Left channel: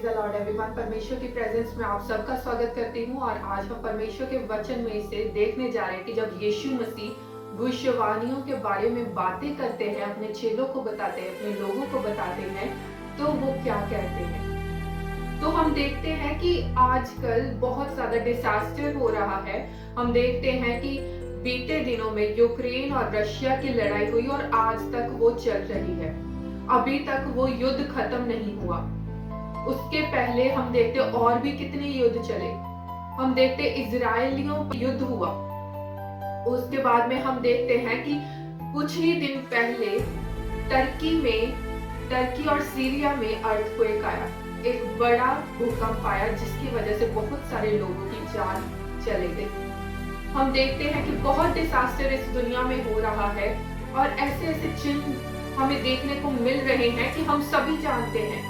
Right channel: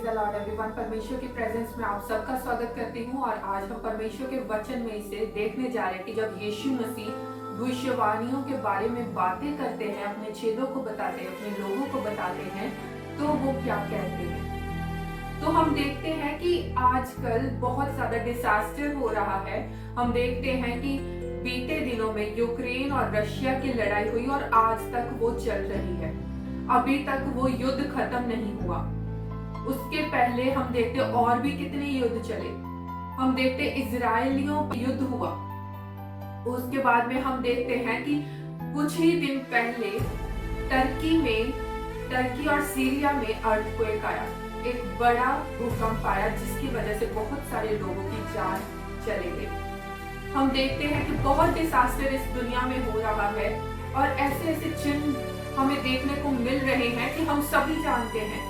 Praise the Lord everyone. परमेश्वर की presence में आप सबका स्वागत करती हूँ और आज हम परमेश्वर के वचन में से देखने जा रहे हैं कि जब यीशु मसीह भविष्यवाणियों के बारे में बातें करते हैं, अपने चेलों को बताते हैं, अपने लोगों को बताते हैं, तो वो क्या कहते हैं। तो हम देखते हैं कि आजकल बहुत ज्यादा डिजास्टर हो रहा है। हम देखते हैं कि बीते दिनों में यूक्रेन और रशिया की लड़ाई हुई और आज तक वो चल रही है। अभी तक वो युद्ध खत्म नहीं हुआ। उसके पहले हम देखते और भी कितने युद्ध चले। हम देखते इजरायलियों का युद्ध हुआ। उसके बाद में हम देखते हैं कि कुछ ही दिन पहले टर्की और सीरिया में अर्थक्वेक आया, एक बड़ा भूकंप आया जिसकी वजह से बहुत सारे लोगों की जान चले गई। हम देखते हैं कि बहुत डिजास्टर इस दुनिया में हो रहा है और ऐसे ऐसे चिन्ह हमें देखने को मिल रहे हैं कि हम सभी जानते हैं,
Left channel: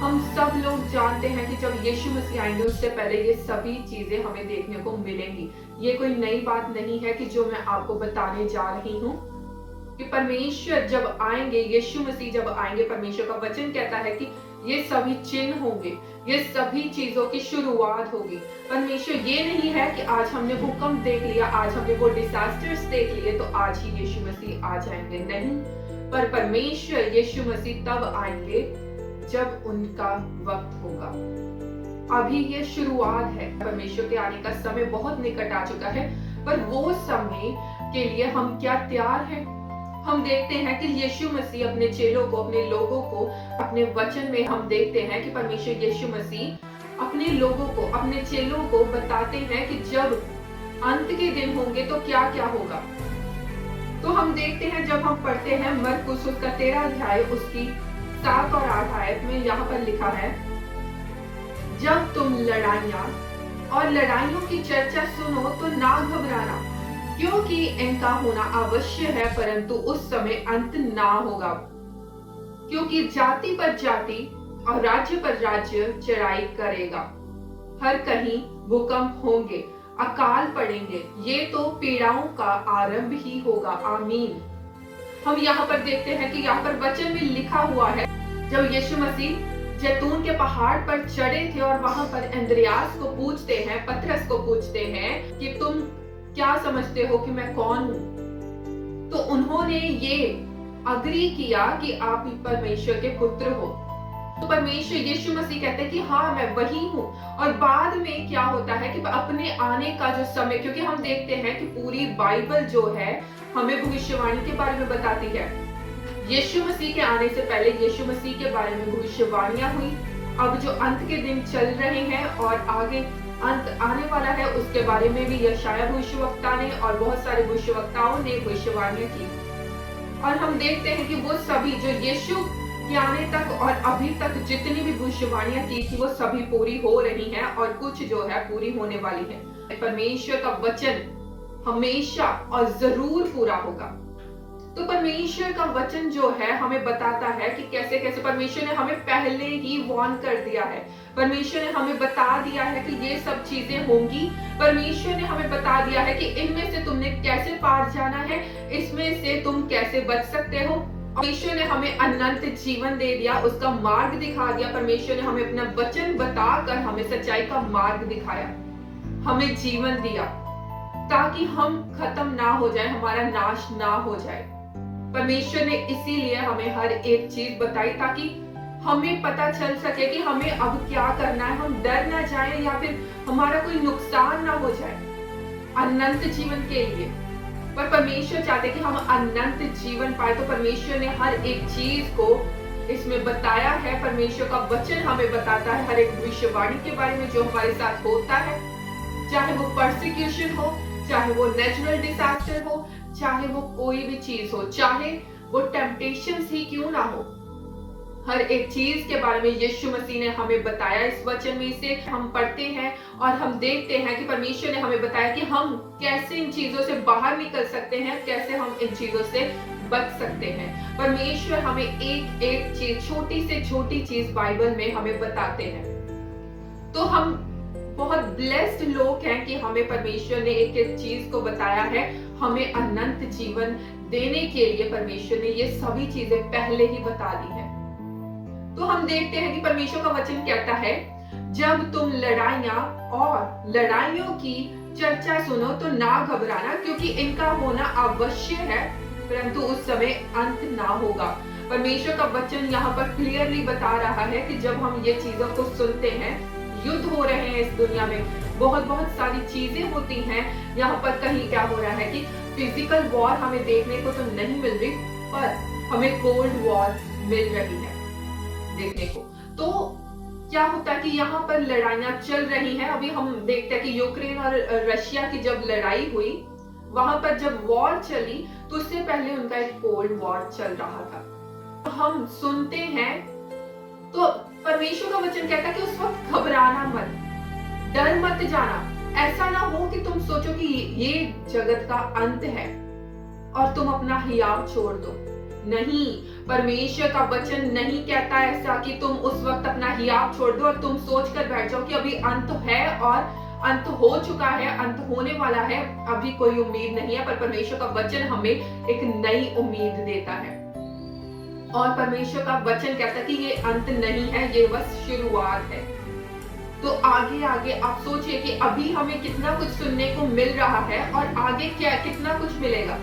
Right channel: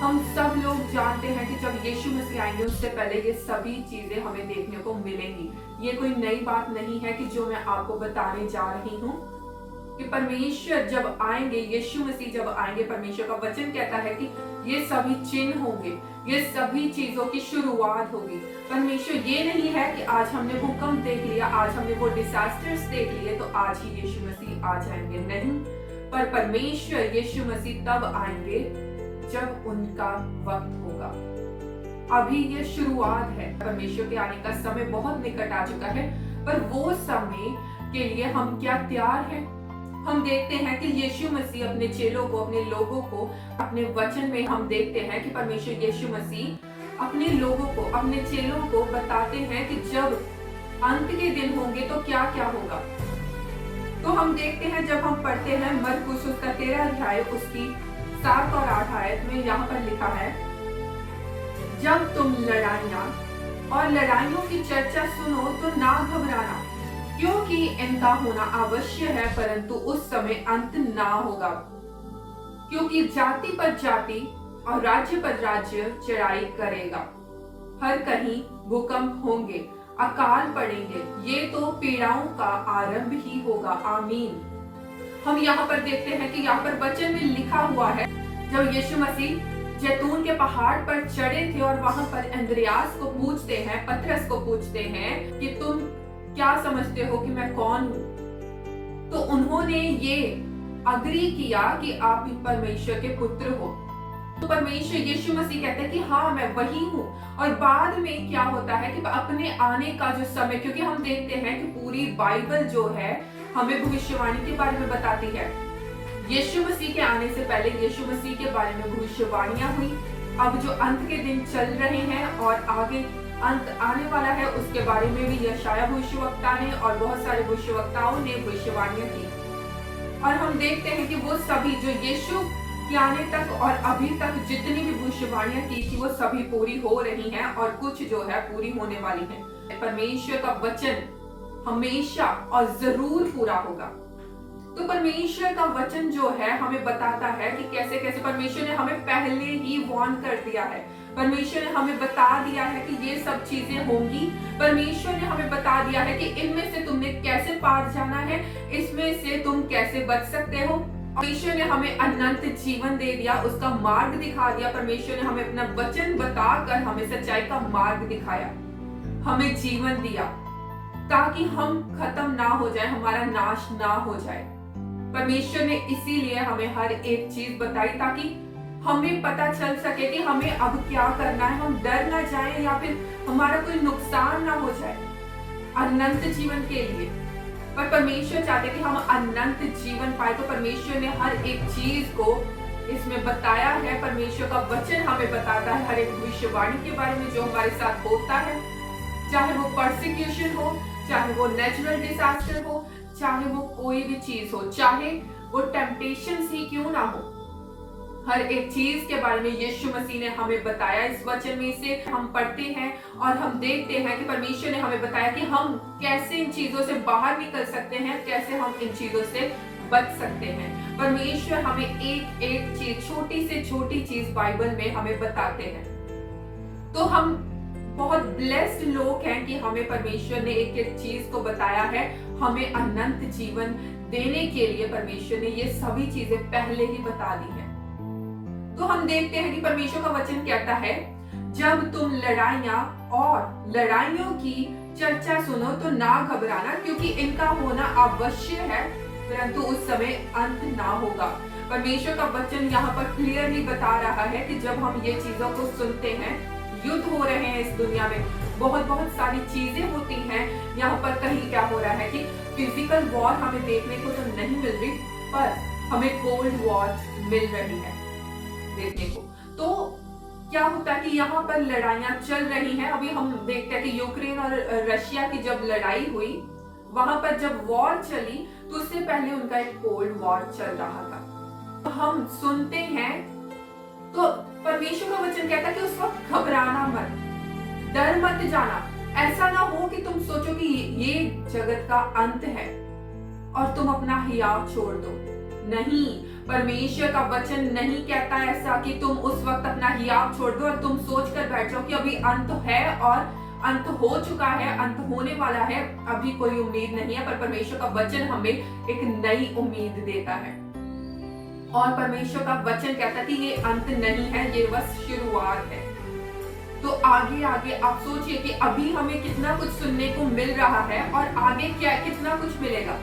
हम सब लोग जानते हैं कि जब यीशु मसीह आएंगे उससे पहले ये सभी चीजें हमें देखने को मिलेंगी। ये कोई नई बात नहीं है कि जो मैं आपको बताने जा रही हूँ कि परमेश्वर जब आएंगे, यीशु मसीह जब आएंगे, परमेश्वर का वचन कहता है कि ये सभी चिन्ह होंगे, ये सभी चीजों की शुरुआत होगी। परमेश्वर ये नहीं है कि आज हमने भूकंप देख लिया, आज हमने वो डिजास्टर्स देख लिए तो आज ही यीशु मसीह आ जाएंगे, नहीं। पर परमेश्वर यीशु मसीह तब आएंगे जब उनका वक्त होगा। अभी ये शुरुआत है। परमेश्वर के आने का समय बहुत निकट आ चुका है, पर वो समय के लिए हम क्या तैयार हैं? हम देखते हैं कि यीशु मसीह अपने चेलों को, अपने लोगों को, अपने वचन में हम देखते हैं कि परमेश्वर यीशु मसीह अपने लोगों को, अपने चेलों को बताते हैं कि जब अंत के दिन होंगे तो क्या क्या होगा। तो हम देखते हैं, जब हम पढ़ते हैं मरकुस उसका 13 अध्याय उसकी 7 और 8 आयत में यहाँ पर लिखा है, जब तुम लड़ाइयाँ और लड़ाइयों की चर्चा सुनो तो ना घबराना, क्योंकि इनका होना अवश्य है, परंतु उस समय अंत ना होगा। क्योंकि जाति पर जाति और राज्य पर राज्य चढ़ाई करेगा, हर कहीं भूकंप होंगे, अकाल पड़ेंगे, ये तो पीड़ाओं का आरंभ ही होगा। आमीन। हम यहाँ पर देखते हैं कि यहाँ पर वचन में लिखा हुआ है, जब यीशु मसीह जैतून के पहाड़ पर चढ़े थे और वहां पर अंद्रयास को पूछते हैं, पतरस को पूछते हैं कि तुम क्या समझते हो कि मैं कौन हूं, तो उन्होंने ये अग्री किया कि आप परमेश्वर के पुत्र हो। तो परमेश्वर यीशु मसीह कहते हैं कि हाँ मैं वही हूँ। और बाद में क्या होता है कि अपने आने का जो समय, क्योंकि हम देखते हैं कि पूरी बाइबल जो है हमें भविष्यवाणी के बारे में बताती है। यीशु मसीह के आने से पहले यीशु मसीह के बारे में भविष्यवाणियां हुई। अब जो अंत के दिन चल रहे हैं और आगे अंत आने वाला है उसके बारे में भी यशाया भविष्यवक्ता ने और बहुत सारे भविष्यवक्ताओं ने भविष्यवाणियां की। और हम देखते हैं कि वो सभी जो यीशु के आने तक और अभी तक जितनी भी भविष्यवाणियां की थी वो सभी पूरी हो रही हैं और कुछ जो है पूरी होने वाली है। परमेश्वर का वचन हमेशा और जरूर पूरा होगा। तो परमेश्वर का वचन जो है हमें बताता है कि कैसे कैसे परमेश्वर ने हमें पहले ही वार्न कर दिया है। परमेश्वर ने हमें बता दिया है कि ये सब चीजें होंगी। परमेश्वर ने हमें बता दिया है कि इनमें से तुमने कैसे पार जाना है, इसमें से तुम कैसे बच सकते हो। परमेश्वर ने हमें अनंत जीवन दे दिया, उसका मार्ग दिखा दिया। परमेश्वर ने हमें अपना वचन बताकर हमें सच्चाई का मार्ग दिखाया, हमें जीवन दिया ताकि हम खत्म ना हो जाए, हमारा नाश ना हो जाए। परमेश्वर ने इसीलिए हमें हर एक चीज बताई ताकि हमें पता चल सके कि हमें अब क्या करना है, हम डर ना जाए या फिर हमारा कोई नुकसान ना हो जाए अनंत जीवन के लिए। पर परमेश्वर चाहते कि हम अनंत जीवन पाए, तो परमेश्वर ने हर एक चीज को इसमें बताया है। परमेश्वर का वचन हमें बताता है हर एक भविष्यवाणी के बारे में जो हमारे साथ होता है, चाहे वो परसिक्यूशन हो, चाहे वो नेचुरल डिजास्टर हो, चाहे वो कोई भी चीज हो, चाहे वो टेम्पटेशंस ही क्यों ना हो, हर एक चीज के बारे में यीशु मसीह ने हमें बताया। इस वचन में से हम पढ़ते हैं और हम देखते हैं कि परमेश्वर ने हमें बताया कि हम कैसे इन चीजों से बाहर निकल सकते हैं, कैसे हम इन चीजों से बच सकते हैं। परमेश्वर हमें एक एक चीज, छोटी से छोटी चीज बाइबल में हमें बताते हैं। तो हम बहुत ब्लेस्ड लोग हैं कि हमें परमेश्वर ने एक एक चीज को बताया है। हमें अनंत जीवन देने के लिए परमेश्वर ने ये सभी चीजें पहले ही बता दी है। तो तो हम देखते हैं कि परमेश्वर का वचन कहता है, जब तुम लड़ाइयां और लड़ाइयों की चर्चा सुनो तो ना घबराना, क्योंकि इनका होना अवश्य है, परंतु उस समय अंत ना होगा। परमेश्वर का वचन यहाँ पर क्लियरली बता रहा है कि जब हम ये चीजों को सुनते हैं, युद्ध हो रहे हैं इस दुनिया में, बहुत बहुत सारी चीजें होती हैं। यहाँ पर कहीं क्या हो रहा है कि फिजिकल वॉर हमें देखने को तो नहीं मिल रही, पर हमें कोल्ड वॉर मिल रही है देखने को। तो क्या होता है कि यहाँ पर लड़ाइयां चल रही हैं। अभी हम देखते हैं कि यूक्रेन और रशिया की जब लड़ाई हुई, वहां पर जब वॉर चली, तो उससे पहले उनका एक कोल्ड वॉर चल रहा था। तो हम सुनते हैं, तो परमेश्वर का वचन कहता है कि उस वक्त घबराना मत, डर मत जाना। ऐसा ना हो कि तुम सोचो कि ये जगत का अंत है और तुम अपना हियाव छोड़ दो। नहीं, परमेश्वर का वचन नहीं कहता ऐसा कि तुम उस वक्त अपना हियाव छोड़ दो और तुम सोच कर बैठ जाओ कि अभी अंत है और अंत हो चुका है, अंत होने वाला है, अभी कोई उम्मीद नहीं है। पर परमेश्वर का वचन हमें एक नई उम्मीद देता है और परमेश्वर का वचन कहता है कि ये अंत नहीं है, ये बस शुरुआत है। तो आगे आगे आप सोचिए कि अभी हमें कितना कुछ सुनने को मिल रहा है और आगे क्या कितना कुछ मिलेगा।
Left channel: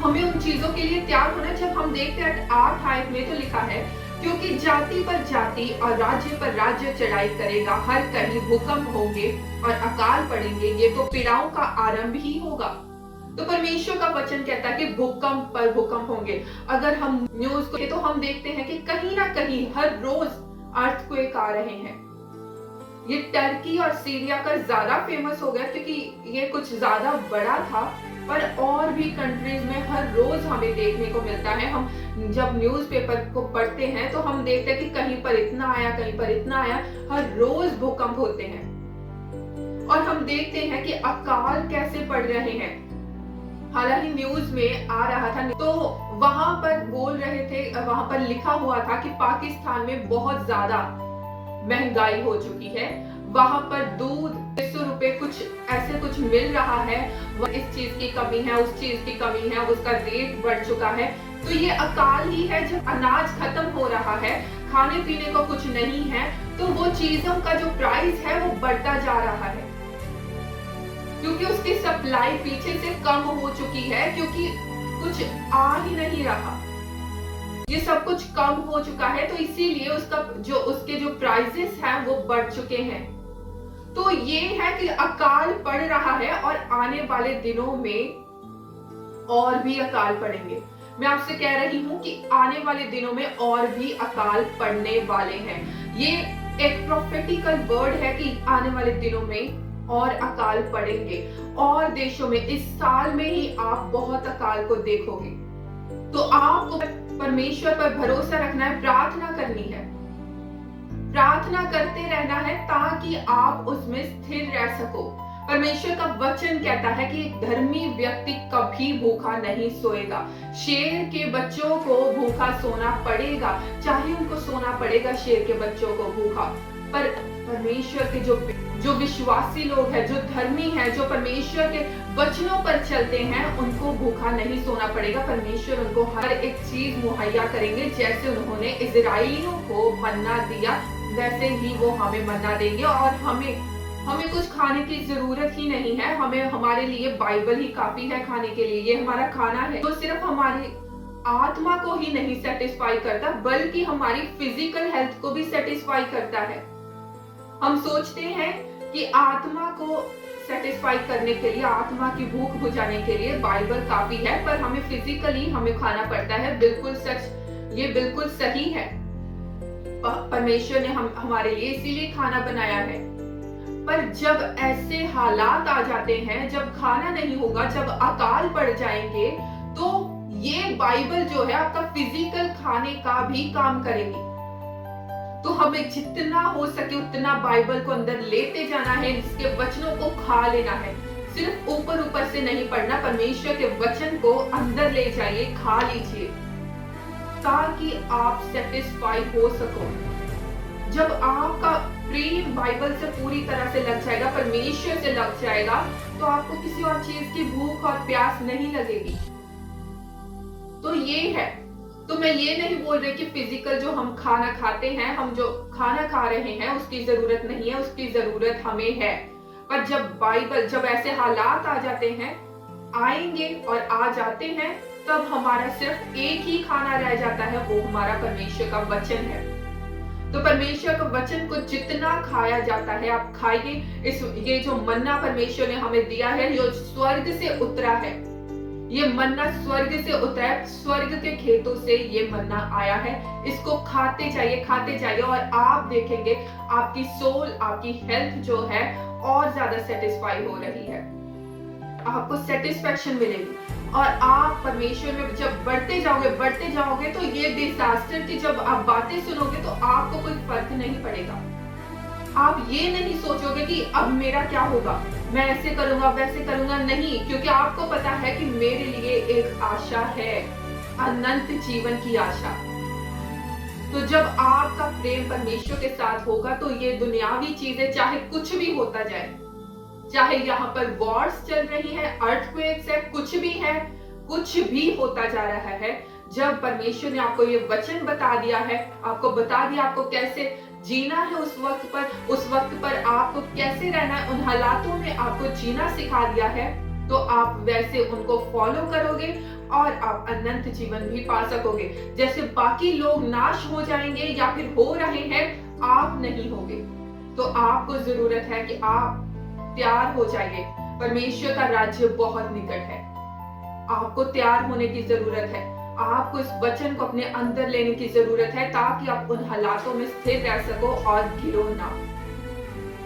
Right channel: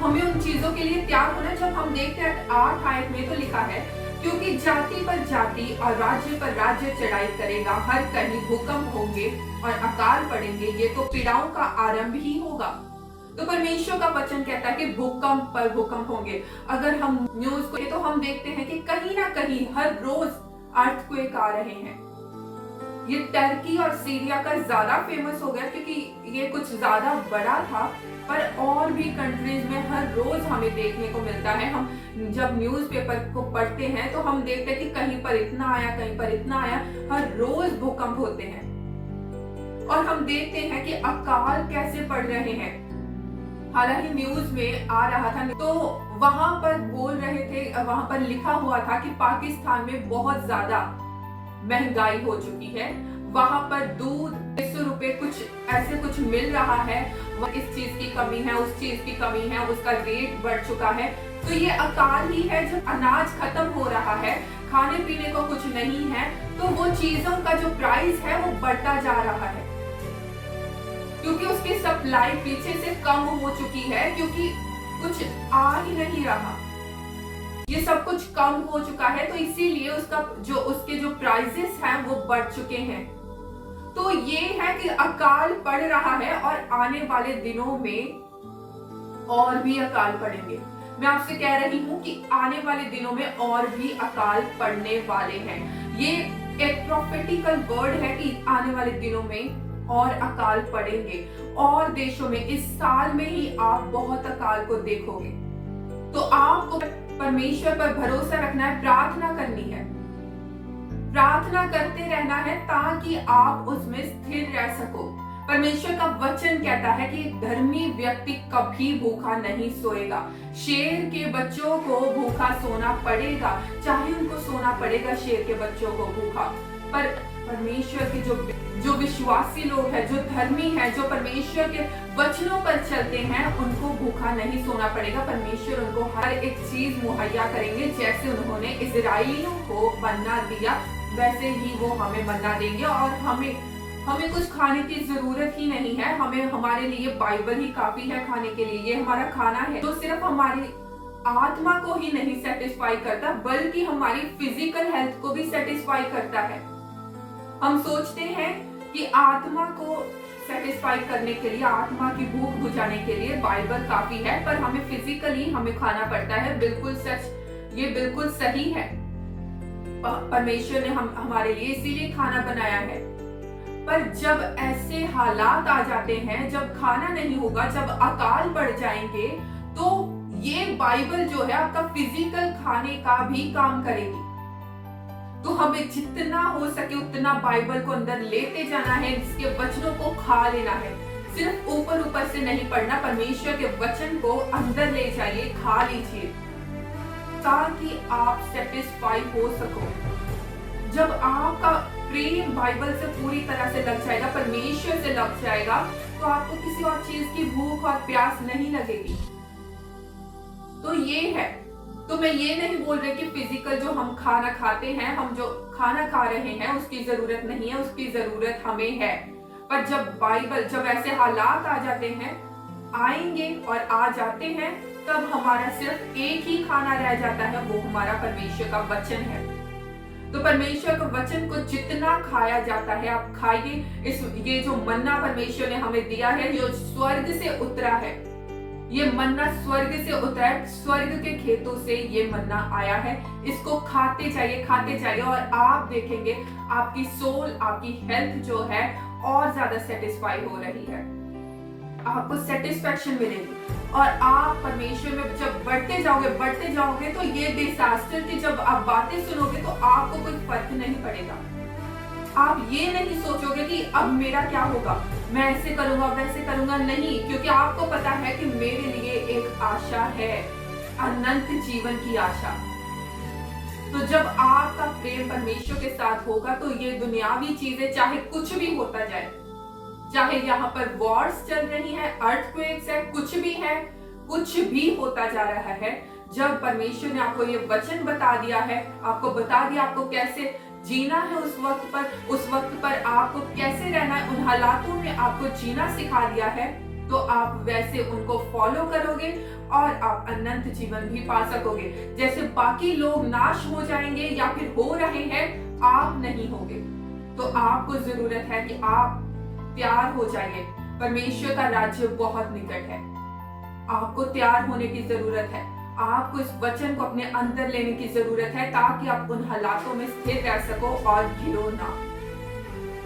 हमें उन चीजों के लिए तैयार होना। जब हम देखते हैं 8 आयत में तो लिखा है, क्योंकि जाति पर जाति और राज्य पर राज्य चढ़ाई करेगा, हर कहीं भूकंप होंगे और अकाल पड़ेंगे, ये तो पीड़ाओं का आरंभ ही होगा। तो परमेश्वर का वचन कहता है कि भूकंप पर भूकंप होंगे। अगर हम न्यूज को तो हम देखते हैं कि कहीं ना कहीं हर रोज अर्थक्वेक आ रहे हैं। ये टर्की और सीरिया का ज्यादा फेमस हो गया क्योंकि ये कुछ ज्यादा बड़ा था, पर और भी कंट्रीज में हर रोज हमें देखने को मिलता है। हम जब न्यूज़पेपर को पढ़ते हैं तो हम देखते हैं कि कहीं पर इतना आया, कहीं पर इतना आया, हर रोज भूकंप होते हैं। और हम देखते हैं कि अकाल कैसे पड़ रहे हैं। हालांकि न्यूज में आ रहा था तो वहां पर बोल रहे थे, वहां पर लिखा हुआ था कि पाकिस्तान में बहुत ज्यादा महंगाई हो चुकी है, वहां पर दूध 100 रुपए कुछ ऐसे कुछ मिल रहा है, इस चीज की कमी है, उस चीज की कमी है, उसका रेट बढ़ चुका है। तो ये अकाल ही है। जब अनाज खत्म हो रहा है, खाने पीने को कुछ नहीं है, तो वो चीजों का जो प्राइस है वो बढ़ता जा रहा है, क्योंकि उसकी सप्लाई पीछे से कम हो चुकी है, क्योंकि कुछ आ ही नहीं रहा, ये सब कुछ कम हो चुका है। तो इसीलिए उसके जो प्राइसेस हैं वो बढ़ चुके हैं। तो ये है कि अकाल पड़ रहा है और आने वाले दिनों में और भी अकाल पड़ेंगे। मैं आपसे कह रही हूं कि आने वाले दिनों में और भी अकाल पड़ने वाले हैं। ये एक प्रोफेटिकल वर्ड है कि आने वाले दिनों में और अकाल पड़ेंगे और देशों में। इस साल में ही आप बहुत अकाल को देखोगे। तो आपको परमेश्वर पर भरोसा रखना है, प्रार्थना करनी है, प्रार्थना करते रहना है ताकि आप उसमें स्थिर रह सको। परमेश्वर का वचन कहता है कि एक धर्मी व्यक्ति कभी भूखा नहीं सोएगा। शेर के बच्चों को भूखा सोना पड़ेगा, चाहे उनको सोना पड़ेगा शेर के बच्चों को भूखा, पर परमेश्वर के जो विश्वासी लोग हैं, जो धर्मी हैं, जो परमेश्वर के वचनों पर चलते हैं, उनको भूखा नहीं सोना पड़ेगा। परमेश्वर उनको हर एक चीज मुहैया करेंगे। जैसे उन्होंने इजराइलियों को मन्ना दिया, वैसे ही वो हमें मन्ना देंगे। और हमें कुछ खाने की जरूरत ही नहीं है। हमें हमारे लिए बाइबल ही काफी है खाने के लिए। ये हमारा खाना है जो सिर्फ हमारी आत्मा को ही नहीं सेटिस्फाई करता, बल्कि हमारी फिजिकल हेल्थ को भी सेटिस्फाई करता है। हम सोचते हैं कि आत्मा को सेटिस्फाई करने के लिए, आत्मा की भूख बुझाने के लिए बाइबल काफी है, पर हमें फिजिकली हमें खाना पड़ता है। बिल्कुल सच, ये बिल्कुल सही है। परमेश्वर ने हमारे लिए इसीलिए खाना बनाया है। पर जब ऐसे हालात आ जाते हैं, जब खाना नहीं होगा, जब अकाल पड़ जाएंगे, तो ये बाइबल जो है आपका फिजिकल खाने का भी काम करेगी। तो हमें जितना हो सके उतना बाइबल को अंदर लेते जाना है, इसके वचनों को खा लेना है। सिर्फ ऊपर ऊपर से नहीं पढ़ना, परमेश्वर के वचन को अंदर ले जाइए, खा लीजिए, ताकि आप सेटिस्फाई हो सको। जब आपका प्रेम बाइबल से पूरी तरह से लग जाएगा, परमेश्वर से लग जाएगा, तो आपको किसी और चीज की भूख और प्यास नहीं लगेगी। तो ये है। तो मैं ये नहीं बोल रही कि फिजिकल जो हम खाना खाते हैं, हम जो खाना खा रहे हैं उसकी जरूरत नहीं है, उसकी जरूरत हमें है। पर जब ऐसे हालात आ जाते हैं, आएंगे और आ जाते हैं, तब हमारा सिर्फ एक ही खाना रह जाता है, वो हमारा परमेश्वर का वचन है। तो परमेश्वर के वचन को जितना खाया जाता है आप खाइए। ये जो मन्ना परमेश्वर ने हमें दिया है, जो स्वर्ग से उतरा है, ये मन्ना स्वर्ग से उतरा है, स्वर्ग के खेतों से ये मन्ना आया है। इसको खाते जाइए और आप देखेंगे आपकी सोल, आपकी हेल्थ जो है और ज्यादा सेटिस्फाई हो रही है, आपको सेटिस्फेक्शन मिलेगी। और आप परमेश्वर में जब बढ़ते जाओगे तो ये डिजास्टर की जब आप बातें सुनोगे तो आपको कोई फर्क नहीं पड़ेगा। आप ये नहीं सोचोगे कि अब मेरा क्या होगा, मैं ऐसे करूंगा वैसे करूंगा, नहीं, क्योंकि आपको पता है कि मेरे लिए एक आशा है, अनंत जीवन की आशा। तो जब आपका प्रेम परमेश्वर के साथ होगा तो ये दुनियावी चीजें चाहे कुछ भी होता जाए, चाहे यहाँ पर वॉर्स चल रही है, अर्थक्वेक्स है, कुछ भी है, कुछ भी होता जा रहा है, जब परमेश्वर ने आपको ये वचन बता दिया है, आपको बता दिया आपको कैसे जीना है उस वक्त पर आपको कैसे रहना है, उन हालातों में आपको जीना सिखा दिया है, तो आप वैसे उनको फॉलो करोगे और आप अनंत जीवन भी पा सकोगे। जैसे बाकी लोग नाश हो जाएंगे या फिर हो रहे हैं, आप नहीं होगे। तो आपको जरूरत है कि आप तैयार हो जाइए, परमेश्वर का राज्य बहुत निकट है। आपको तैयार होने की जरूरत है, आपको इस वचन को अपने अंदर लेने की जरूरत है, ताकि आप उन हालातों में स्थिर रह सको और गिरो ना।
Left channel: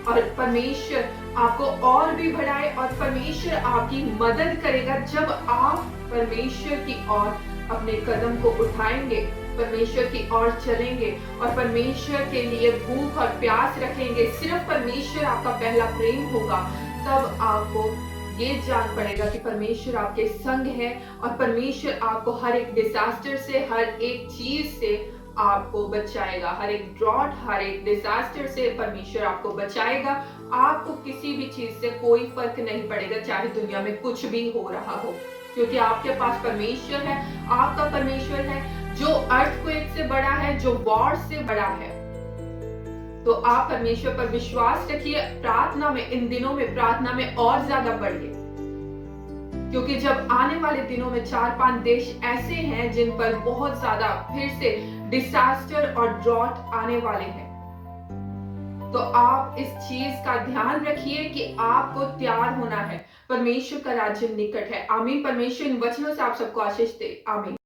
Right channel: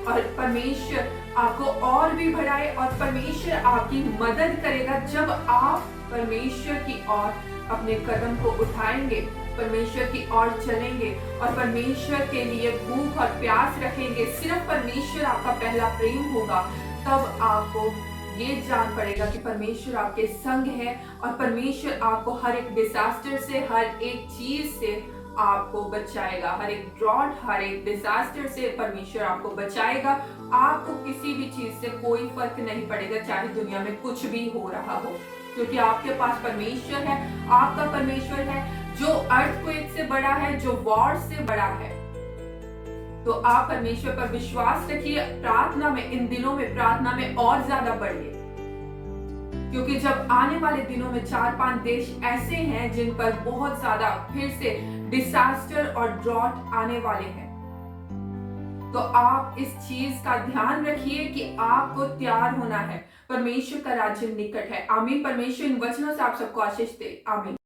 और परमेश्वर आपको और भी बढ़ाए और परमेश्वर आपकी मदद करेगा जब आप परमेश्वर की ओर अपने कदम को उठाएंगे, परमेश्वर की ओर चलेंगे और परमेश्वर के लिए भूख और प्यास रखेंगे। सिर्फ परमेश्वर आपका पहला प्रेम होगा, तब आपको ये जान पड़ेगा कि परमेश्वर आपके संग है और परमेश्वर आपको हर एक डिजास्टर से, हर एक चीज से आपको बचाएगा, हर एक ड्रॉट, हर एक डिजास्टर से परमेश्वर आपको बचाएगा। आपको किसी भी चीज से कोई फर्क नहीं पड़ेगा, चाहे दुनिया में कुछ भी हो रहा हो, क्योंकि आपके पास परमेश्वर है, आपका परमेश्वर है जो अर्थक्वेक से बड़ा है, जो वॉर से बड़ा है। तो आप परमेश्वर पर विश्वास रखिए, प्रार्थना में, इन दिनों में प्रार्थना में और ज्यादा बढ़िए, क्योंकि जब आने वाले दिनों में 4-5 देश ऐसे हैं जिन पर बहुत ज्यादा फिर से डिजास्टर और ड्रॉट आने वाले हैं। तो आप इस चीज का ध्यान रखिए कि आपको तैयार होना है, परमेश्वर का राज्य निकट है। आमीन। परमेश्वर इन वचनों से आप सबको आशीष दे। आमीन।